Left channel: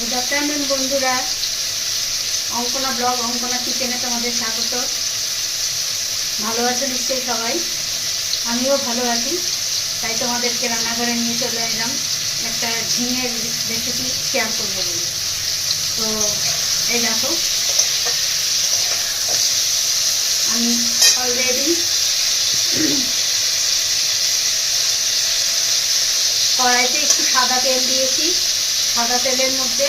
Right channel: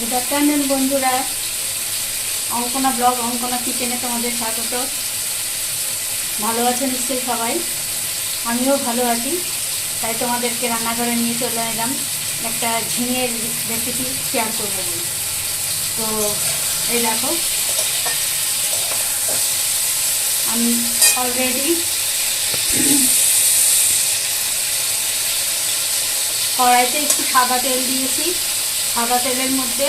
Good afternoon বন্ধুরা, Ankana blog Ankana কিচেনে তোমাদের স্বাগত। ভালো আছো নিশ্চয়ই সবাই, আমিও ভালো আছি। তাই তোমাদেরকে রান্নাঘরে নিয়ে চলে এলাম একটা ঝিঙের রেসিপি শেয়ার করবো বলে। তো এই দেখো, আমি অলরেডি কড়াইতে একটু সাদা তেল দিয়েছি। সাদা তেলের মধ্যে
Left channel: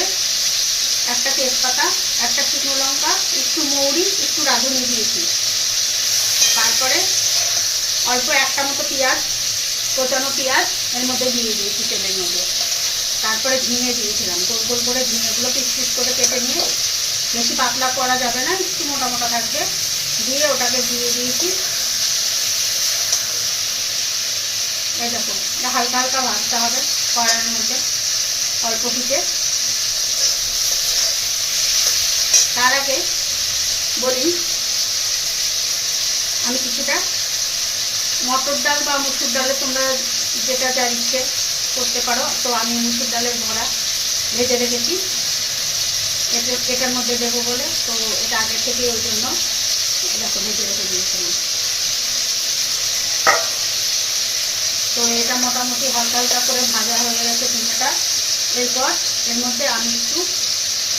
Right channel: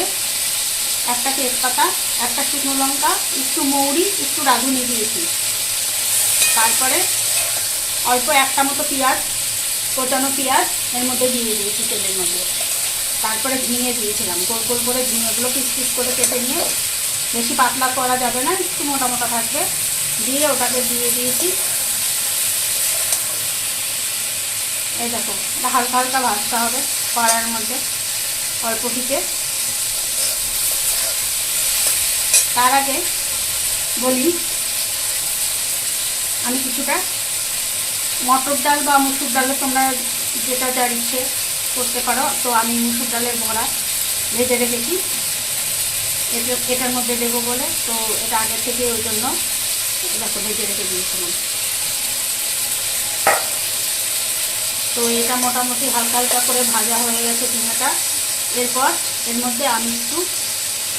একটা তেজপাতা, একটা শুকনো লঙ্কা, একটু মৌরি, একটু রাঁধুনি দিয়েছি। তারপরে অল্প একটা মতো পেঁয়াজ, কোচানো পেঁয়াজ এর মধ্যে দিয়ে দিয়েছি তেলের মধ্যে। তারপরে ঝিঙে দিয়েছিলাম, গোল গোল করে ঝিঙেগুলো পিস পিস করে কেটে নিয়ে, বেশি পাতলা করা যাবে না, একটু মোটা মোটা থাকবে, দিয়ে ওটাকে দিয়ে দিয়েছি। এই দেখো, এটা হালকা হালকা ভাজতে হবে কড়াইয়ের মধ্যে অল্প হিটে। তার আগে বলি, আমি কিছুটা মটর ডাল বা মুসুর ডালে তোমরা যেটা যার ইচ্ছে করতে পারো। তো আমি মুসুর ডালের বড়া ভেজে রেখেছি এটার মধ্যে দেবো বলে, তো এটা আগে থেকে ওই জন্য দেখো ভেজে রেখে দিয়েছিলাম। তো এটা মোটামুটি হালকা হালকা করে ভাজা হয়ে গেছে ঝিঙেটা। এরপর এর মধ্যে আমি একটু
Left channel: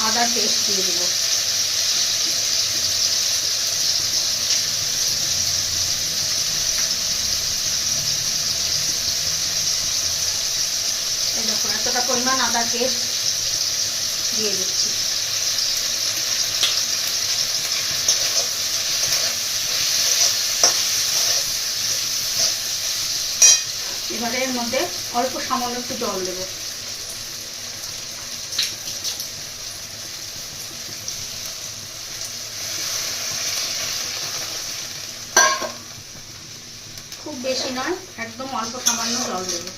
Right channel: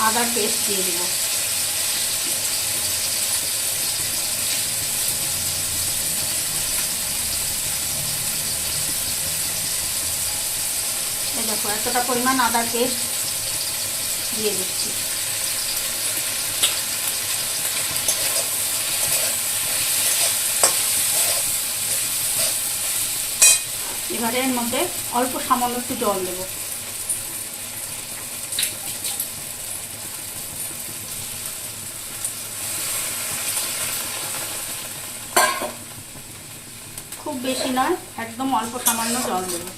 আদার পেস্ট দিয়ে দেবো। দেখো এতটা পরিমাণ আদার পেস্ট দিয়ে দিচ্ছি। এবারে এর মধ্যে অল্প সামান্য একটু জল দেবো। খুব বেশি নয়, একদম অল্প সামান্য জল দেবো।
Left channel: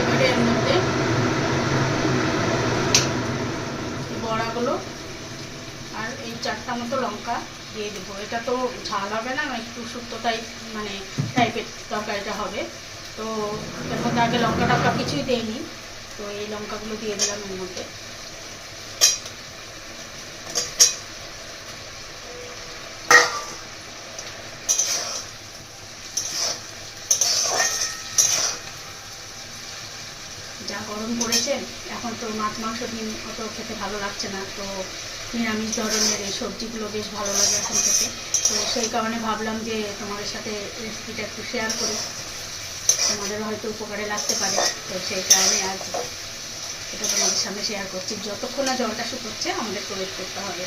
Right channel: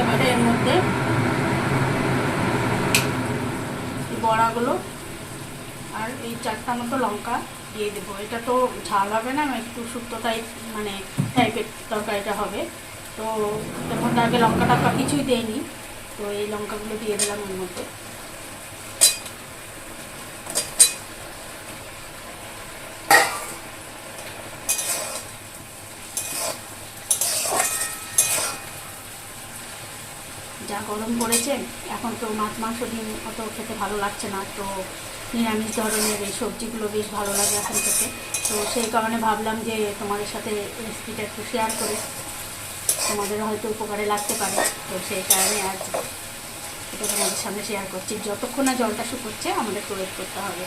এবারে এর মধ্যে বড়াগুলো আর এই 4টা মতো লঙ্কা দিয়ে দেবো। এটা তো ঝাল হবে না, একটু শুক্তো টাইপের তরকারিটা হবে। তো এর মধ্যে আগে লঙ্কা টঙ্কা কিছুই দেয়নি, তো এই লঙ্কাগুলো দিয়ে দিলাম এর মধ্যে। যা গরম পড়েছে, এখন তো মাছ মাংস ডিম অত খেতে ভালো লাগছে না, তো নিরামিষ ধরনের এই সবজিগুলো বেশ ভালো লাগে এখন খেতে। তো সেই কারণে ভাবলাম যে তোমাদের সাথে রেসিপিটা একটু শেয়ার করি, তোমাদের হয়তো উপকারে লাগতে পারে। তো সেই কারণে আজ এটা তোমাদের সামনে শেয়ার করছি। যতক্ষণ না জলটা শুকোচ্ছে আমাদের ওয়েট করতে হবে।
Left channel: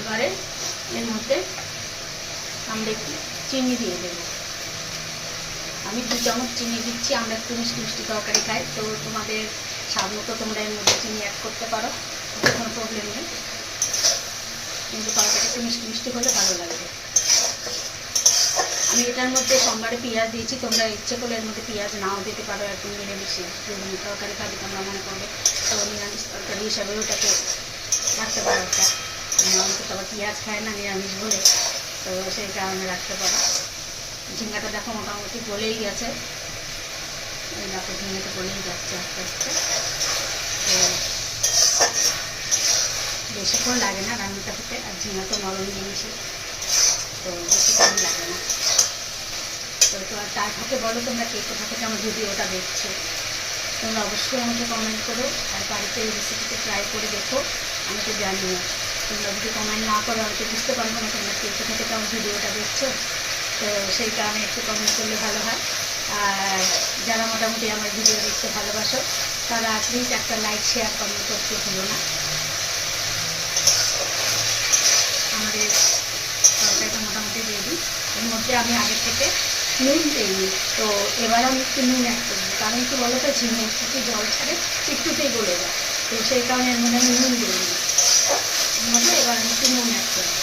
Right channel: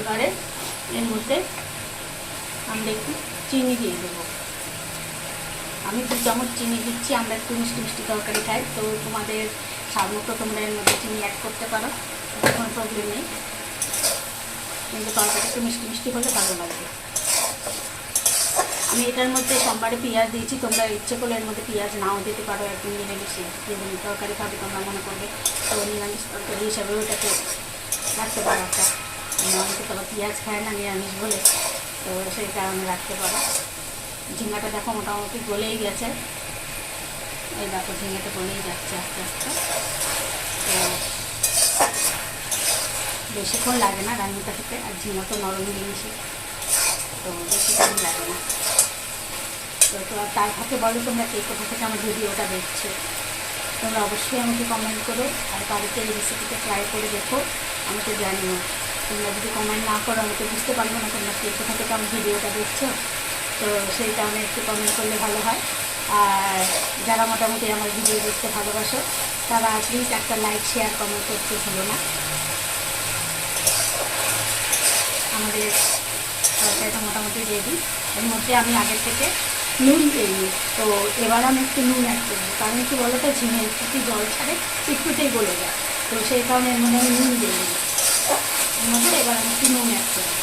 এবারে এর মধ্যে আমরা একটু চিনি দিয়ে দেবো। আমি 2 চামচ চিনি দিচ্ছি। আমরা একটু মিষ্টি মিষ্টি তরকারি খাই, তো তোমাদের স্বাদ মতো তোমরা এর মধ্যে চিনি অ্যাড করতে পারো, কোনো প্রবলেম নেই, কিন্তু তরকারি একটু মিষ্টি মিষ্টি হলে ভালো লাগবে। আমি এটার মধ্যে সোমবারে পেঁয়াজ দিয়েছি, তোমরা ইচ্ছে করলে এর মধ্যে পেঁয়াজ নাও দিতে পারো। একটু নিরামিষে যদি তরকারি খাবে তোমরা মনে করবে, তো নিরামিষ তরকারি হিসাবে ওটাকে রাখতে পারো একটা। অনেকে তো আবার পেঁয়াজ খায় না নিরামিষ বলে, তো সেই কারণে রাখতে পারো। ঝিঙ্গাটা দেখো মোটামুটি গলেই গেছে। এই দেখো ঝিঙ্গাটা গলেই যাচ্ছে আস্তে আস্তে। তো বেশিক্ষণ লাগে না রান্নাটা খেতে, আর ঝিঙ্গা তো নরম জিনিসই, তো বেশিক্ষণ লাগে না। তো তার ফাঁকে বলো তোমরা কে কোথা থেকে আমার ভিডিওটা দেখছো, তোমরা অবশ্যই আমাকে কমেন্ট করে আর বাড়িতে এই রেসিপিটা ট্রাই করে দেখো, আমাকে জানিও। তোমরা যদি কমেন্ট না করো আমি তো বুঝতে পারবো না তোমরা কে কোথা থেকে আমার ভিডিওটা দেখছো। তো সেই কারণে একটু কমেন্ট করলে ভালো হয়। আর যারা মোটামুটি আমার ভিডিও দেখতে ভালোবাসো তারা প্লিজ একটা লাইক শেয়ার কমেন্ট করতে ভুলো না। আমাদের তরকারিটা মোটামুটি রেডি। এর মধ্যে আমি আগের থেকে নুন দিইনি, তো এবার আমি একটু নুন অ্যাড করবো। কারণ কি বলো তো, ঝিঙে একটু জল ছাড়ে, একটুতেই গলে যায়, তো সেই কারণে এর মধ্যে আমি নুন দিইনি। এর মধ্যে এবার আমি একটু নুন অ্যাড করবো।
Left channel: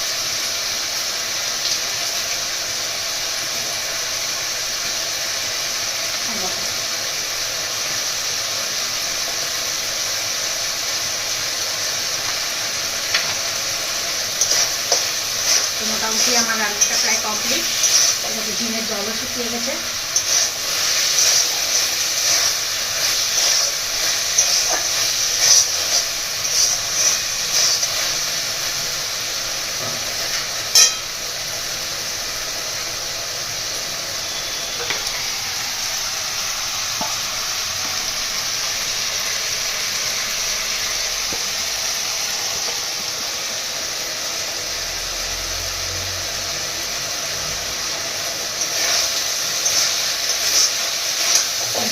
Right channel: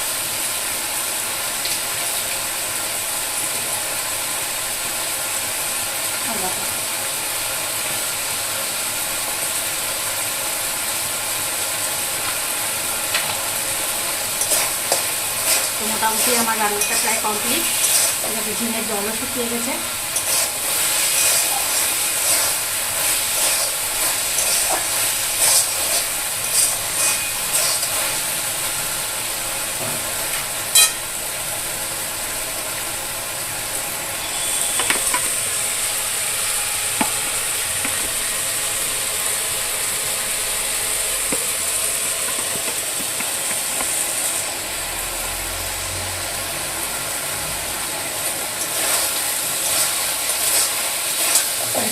মোটামুটি আমার রান্নাটা প্রায় কমপ্লিট। এটাতে ঝিঙের জলও শুকিয়ে গেছে।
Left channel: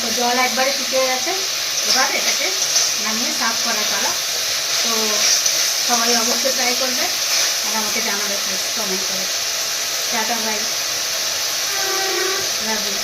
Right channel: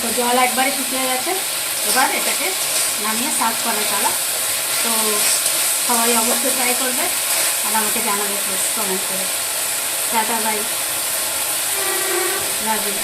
তো জল একবারে শুকিয়ে গেছে। এবার এটাকে নামিয়ে সার্ভ করার পালা। তো সবাই অবশ্যই ট্রাই করবে আর আমাকে জানাবে প্লিজ কমেন্ট করে। Tata bye, love you.